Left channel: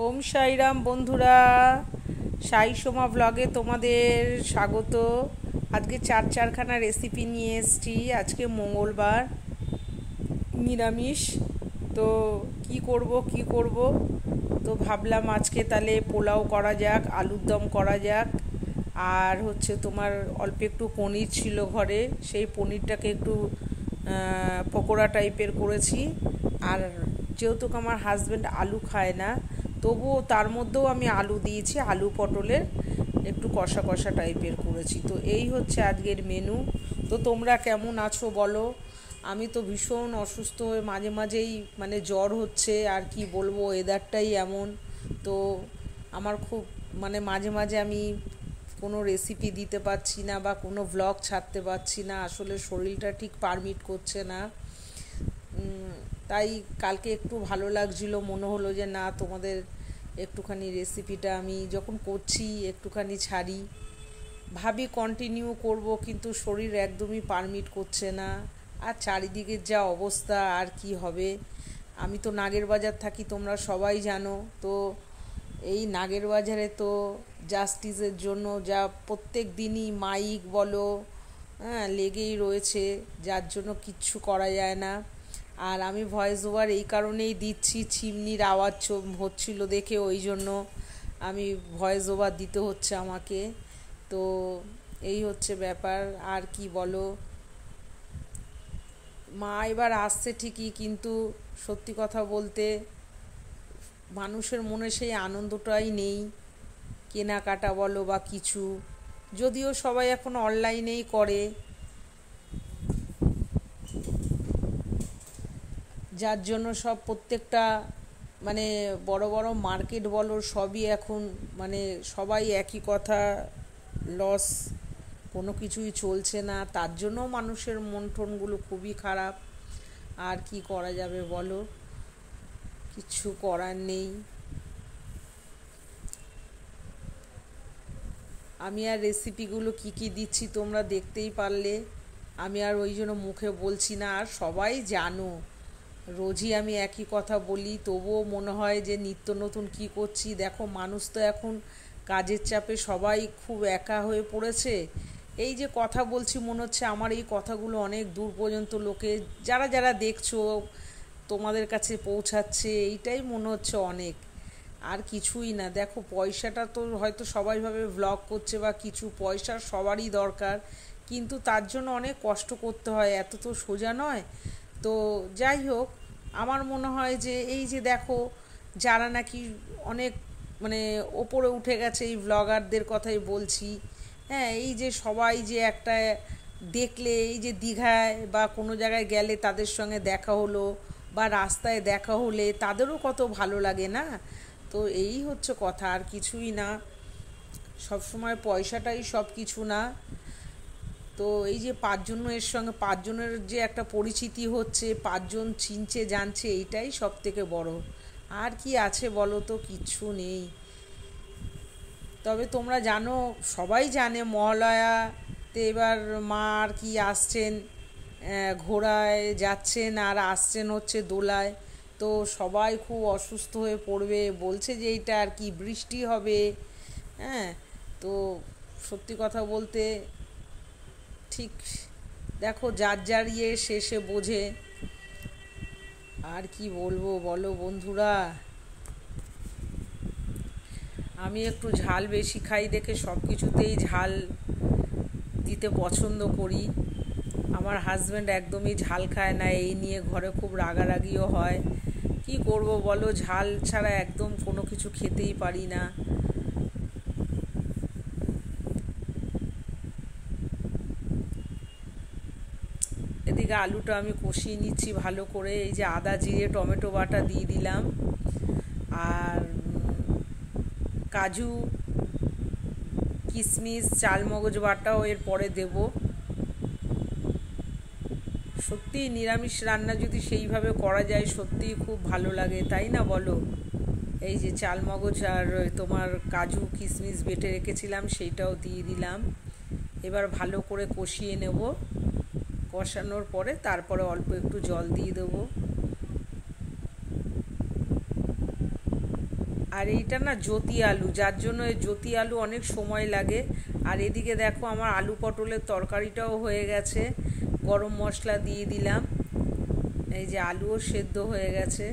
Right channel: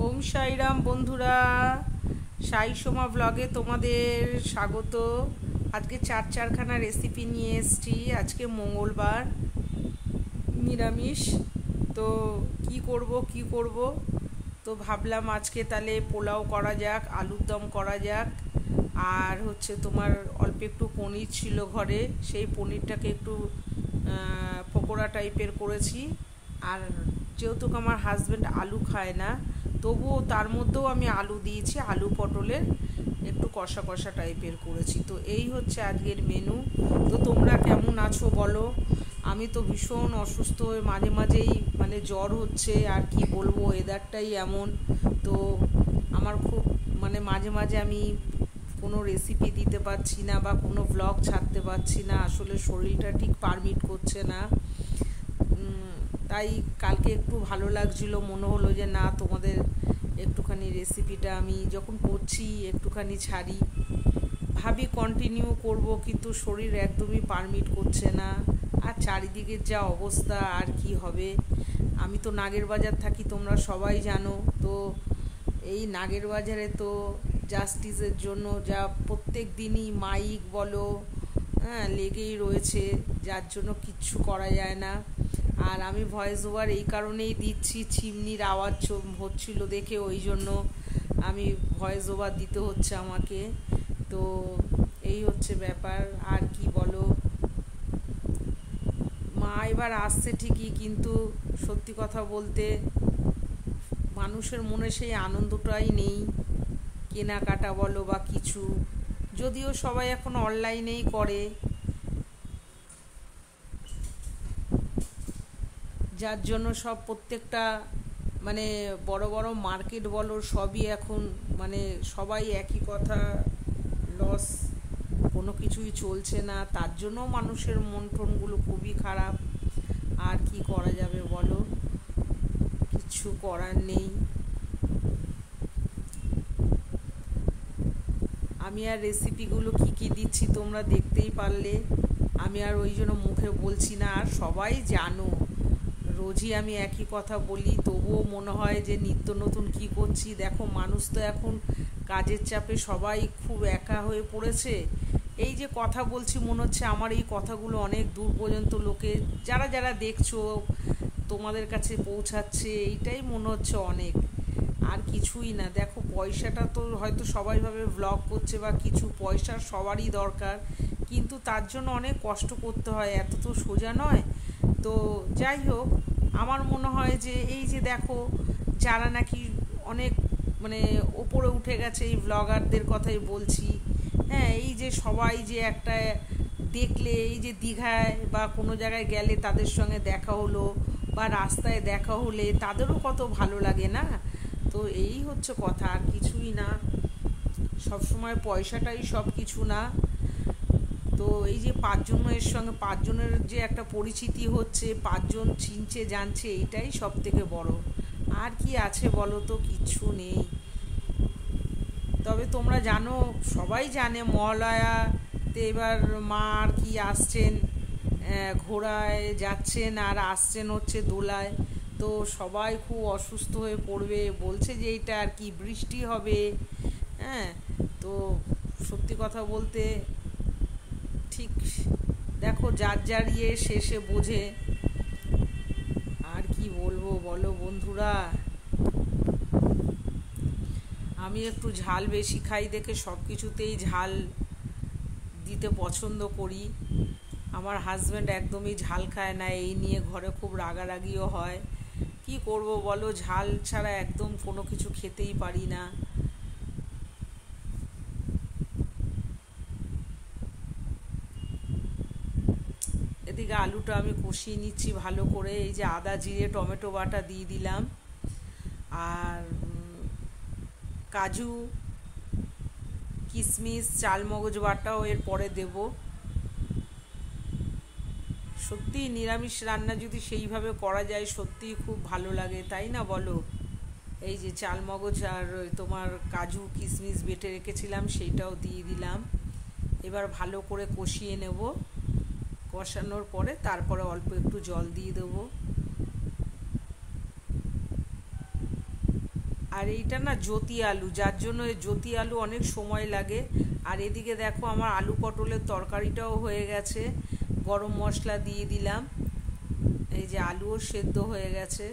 ওম সাইরাম বন্ধুরা, সাই সোমা ব্লগে তোমাদের স্বাগত। আজকে চারখানা রেসিপি নিয়ে এসেছি। আজকে মঙ্গলবার, নিরামিষ। তো কি করব তো ভাবলাম আজকে তাহলে পোলাও করা যাক, আলুর দম করা যাক। আর হচ্ছে তোমার অল্প একটু পনির ছিল ঘরে, সেই পনিরটাকে একটু পকোড়া টাইপের করেছি। আর যেহেতু আমার হাজব্যান্ড আলু খায় না, তবুও তার মধ্যেও আমি আলু দিয়েছি, আলু পটলের একটু কষা কষা টাইপের করেছি। তো এই হচ্ছে আজকের মেনু। তো তোমরা কেমন আছো বলো? আমি তো ভীষণ অসুস্থ হয়ে মাঝে মাঝেই জ্বর হচ্ছে, আর কি বলবো, ওয়েদারটাই এমন। তো আমার খুব মাঝে মাঝে আমি কোনো রেসিপি দিতে পারছি না বা কোনো ভ্লগ ছাড়তে পারছি না, আসলে শরীরটা ঠিক পারমিট করছে না। তাই কালকে একটু ভালো লাগছিল, মনে হলো যে না, তোমাদের একটুখানি রেসিপিটা আমি যখন করছি একটুখানি ছাড়ি। ভাবি কন্টিনিউ করব, কিন্তু শরীর একদমই পারমিট করছে না। আর চারিদিকের যা অবস্থা, আর কি হবে। আমি তো নাগের বাজার থাকি, তোমরা সবাই জানো। তো এই নাগের বাজারে তো জাস্টিসের জন্য যা প্রত্যেক দিনই মাইক বলো, হ্যাঁ, লেগেই রয়েছে, যার জন্য কিচ্ছু করা যায় না। আর আমি ভয়েস ওভার এই কারণেই দিচ্ছি, চিমনির আওয়াজ হচ্ছিল দেখে, ওই জন্য আমি ভয়েস ওভার দিতে হচ্ছে আমাকে। তো এই হচ্ছে ব্যাপার। আর কি বলো, মা এবার আসছে ঠিকই, কিন্তু সত্যি কথা বলতে মানুষের মনে সেই আনন্দটাই নেই, কেনাকাটা বলো বা কিছু। যদিও সবাই এখন অনলাইনেই করে, যার জন্য সব প্রত্যেকটা বড় বড় মার্কেট বলো, সবই এখন সবাই একই কথা, লস, কোনো কিছুই চলছে না। তার জন্য মানুষের মন টনগুলো খুবই খারাপ। আর কি করা যাবে বলো, কিছু করার নেই। আমি আর রেসিপিগুলো কি কি দিচ্ছি তোমরা দেখতেই পারলে। আমি আর ওই জন্য মুখে বলছি না, আর সবাই জানো রোজই আমি একই কথা বলি, তবুও মনে হয় যে নিত্য নতুন কি করছি। দেখো, মানুষ তো এখন কাজের চাপে সবাই খুব একা হয়ে পড়েছে। এই যে কথা বলছি, মনে হচ্ছে আমার এই কথাগুলো অনেক দূর পর্যন্ত লোকে যারা যারা দেখছো তোমাদের কাছে পৌঁছাচ্ছে, এইটাই মনে হচ্ছে অনেক। আর কিছুই না। দেখো, পয়সাটা তো হয়তো সবাই ভাবে ভ্লগ করছে বা কিছু, পয়সার সবারই দরকার, কিন্তু তার জন্য অনেক কষ্ট করতে হয়, এত তো সোজা নয়। তো যাই হোক, আমার মনে হয় যে এই যে দেখো, যারা নাকি অনেক ওপরে উঠে গেছে, এই ব্লগারদের কথাই বলছি। হ্যাঁ, এই যে সবাই যে একটা দেখলে, এই যে দীঘায় বা কোনো জায়গায় গেলে তাদের সঙ্গে দেখা হলো বা রাস্তায় দেখা হলে তাদেরও কত ভালো লাগে না। তো এই হচ্ছে কথা, আর কিছুই না। সবসময় পয়সাটাই সব কিছু না। তো এই যে পাঁচজনের সঙ্গে পাঁচজনের যে একটা পরিচিতি হচ্ছে, পাঁচজন চিনছে জানছে, এইটাই সব থেকে বড়। আর কি আছে বলো তো, কিচ্ছু নেই। তবে তোমরা জানো, সবাই জানে মহালয়াতে এবার মা আর কি আসছেন, ঘোড়ায় যাচ্ছেন আর আসছেন হচ্ছে দোলায়। তো সবাই খুব অসুস্থ হয়ে পড়বে, বলছে যে এইটা আর কি বৃষ্টি হবে। হ্যাঁ, তো সত্যি কথা বলতে ঠিক, দেখো যার যার শেষে বোঝে। আর কি বলবো বলো বন্ধুরা, আমি একটু ঝাল বেশি খাই দেখে সব কিছুতেই ঝাল দিতে পছন্দ করি। আমার হাজব্যান্ড একদমই ঝাল খায় না, এই নিয়ে ঘরে খুব রাগারাগিও হয়। কি করব বলো, ঝাল ছাড়া একদম কোনো কিছু খেতেই পারি না। এদিকে আলুটা আমি কষিয়ে নিচ্ছি ভালো করে, এই যে আদা জিরে টমেটো বাটা দিয়ে দিলাম, আর কাজু কিশমিশ চালমগজ বাটাও এর পরে দেব। সত্যি নিরামিষ রান্না যদি সেইভাবে করা যায়, সত্যিই খুব ভালো লাগে, তাই না বলো? এই যে চালমগজ আর তোমার কাজু কিশমিশ বেটে রেখেছিলাম, সেইটাও দিয়ে দিলাম। এবার ভালো করে কষিয়ে নেব। কষানোর পরে তারপরে অল্প একটু জল দিয়ে দেবো। আর এইটা না জ্যোতি আলু, যার জন্য এই জ্যোতি আলু অনেক সময় লাগে। আর এদিকে দেখো আমার আলু পটলের তরকারিটাও হয়ে গেছে, গরম মশলা দিয়ে দিলাম। এই যে আলুও সেদ্ধ হয়ে গেছে।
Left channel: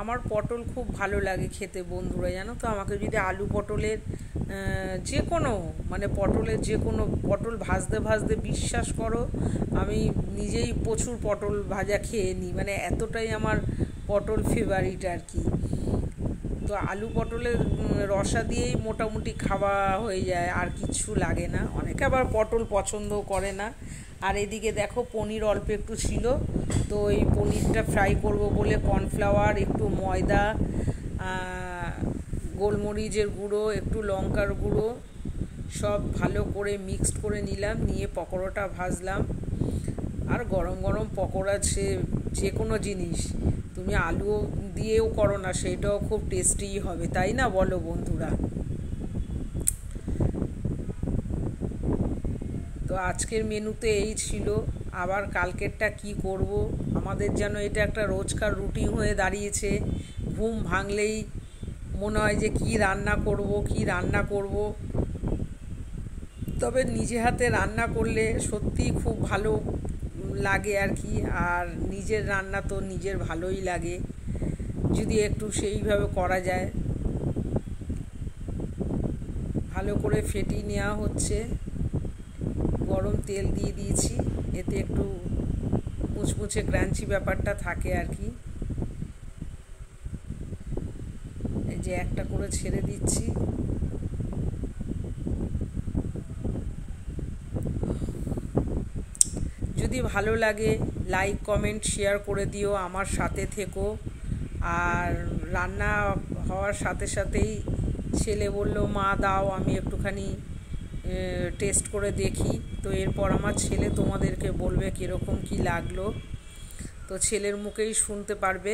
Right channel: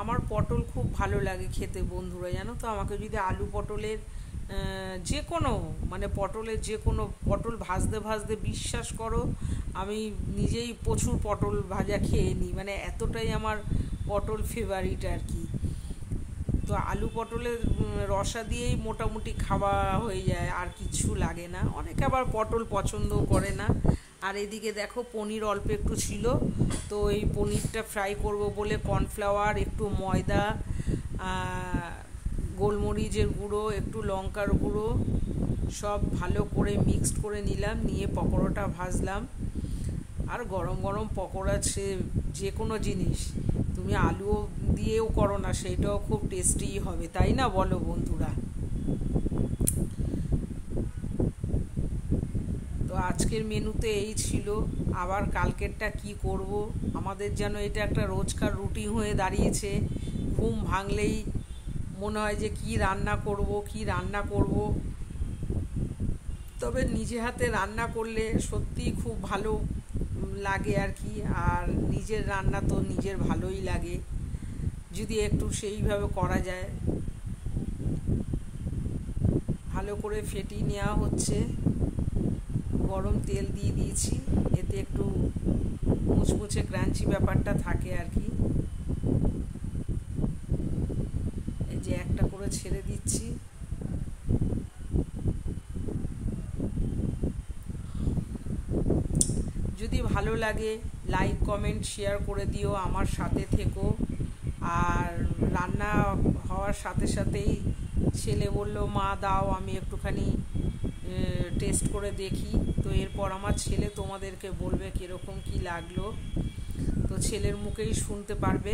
আমার পটল খুব ভালো লাগে খেতে বন্ধুরা, জানো তো। আমাকে যদি আলু পটলের যে কোনো মানে পটলের যে কোনো পটল ভাজতে ভাজতে বিশ্বাস করো আমি নিজেই প্রচুর পটল ভাজা খেয়ে নিই, মানে এতটাই আমার পটল ফেভারিট আর কি। তো আলু পটলের রসা দিয়েই মোটামুটি খাওয়া হয়ে যায়, আর কিছু লাগে না। অনেকে আবার পটল পছন্দও করে না। আর এদিকে দেখো পনির অল্প একটু ছিল, তো এই পনিরটা ফ্রাই করব বলে কর্নফ্লাওয়ার, একটু ময়দা, গোলমরিচের গুঁড়ো, একটু লঙ্কার গুঁড়ো সব ভালো করে মিক্সড করে নিলাম, নিয়ে পকোড়াটা ভাজলাম। আর গরম গরম পকোড়া যে কোনো জিনিস তুমি আলু দিয়েও করো না, সেটাও খুব টেস্টি হবে, তাই না বলো বন্ধুরা? তো আজকের মেনুতে এই ছিল। আবার কালকেরটা কি করব, আমাদের যেন এটা একটা রোজকার রুটিন হয়ে দাঁড়িয়েছে। ঘুম ভাঙলেই মনে হয় যে কি রান্না করব। তবে নিজে হাতে রান্না করলে সত্যিই খুব ভালো লাগে আর কি। আর নিজের রান্না তো নিজের ভালোই লাগে যদি একটু সেইভাবে করা যায়। ভালো করে ফেটিয়ে নেওয়া হচ্ছে, গরম তেল দিয়ে দিয়েছি, এতে একটু মুচমুচে ক্রাঞ্চি ব্যাপারটা থাকে আর কি। এই যে একটা করে ছেড়ে দিচ্ছি। যদি ভালো লাগে লাইক কমেন্ট শেয়ার করে দিও, আমার সাথে থেকো। আর রান্না হওয়ার সাথে সাথেই ছেলে বলল মা দাও আমি একটুখানি টেস্ট করে দেখি। তো এরপর আমার ছেলে তোমাদেরকে বলবে কীরকম কি লাগলো, তো ছেলের মুখেই শুনতে পারবে।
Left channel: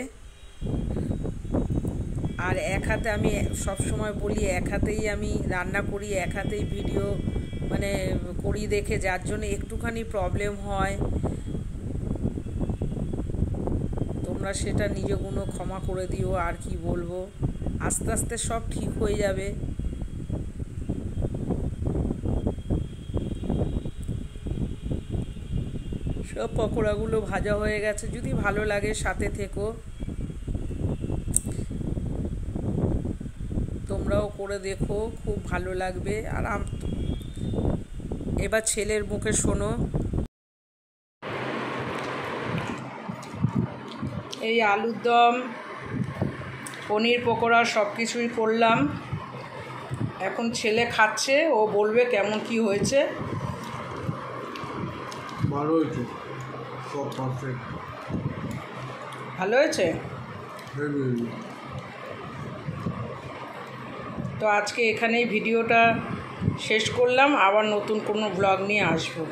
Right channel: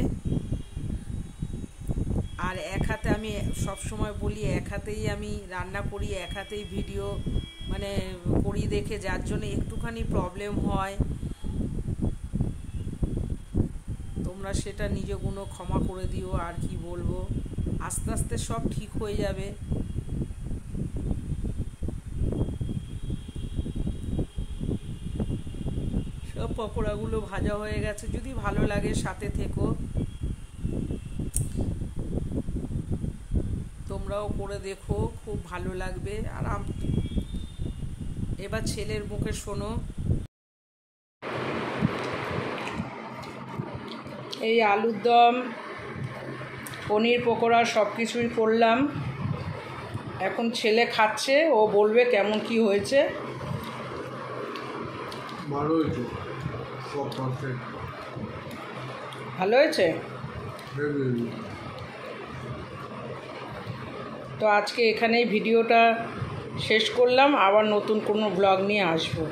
আর এক হাতে আমি সবসময় বলি এক হাতেই আমি রান্না করি, এক হাতেই ভিডিও মানে করি দেখে, যার জন্য একটুখানি প্রবলেম হয়। তোমরা সেটা নিজ গুণ ক্ষমা করে দিও। আর কি বলবো, আস্তে আস্তে সব ঠিক হয়ে যাবে। সব পকোড়াগুলো ভাজা হয়ে গেছে। যদি ভালো লাগে সাথে থেকো, তোমরাও করে দেখো, খুব ভালো লাগবে। আর এবার ছেলের মুখে শোনো। এই আলুর দম, পনির পকোড়া সব কিছুই করলাম। এখন ছেলে খাচ্ছে, ও বলবে কেমন কি হয়েছে। ভালো হয়েছে, সব পারফেক্ট। ভালো হয়েছে। তো আজকে এখানেই ভিডিওটা শেষ করলাম, আবার নতুন কোনো ব্লগ নিয়ে আসবো।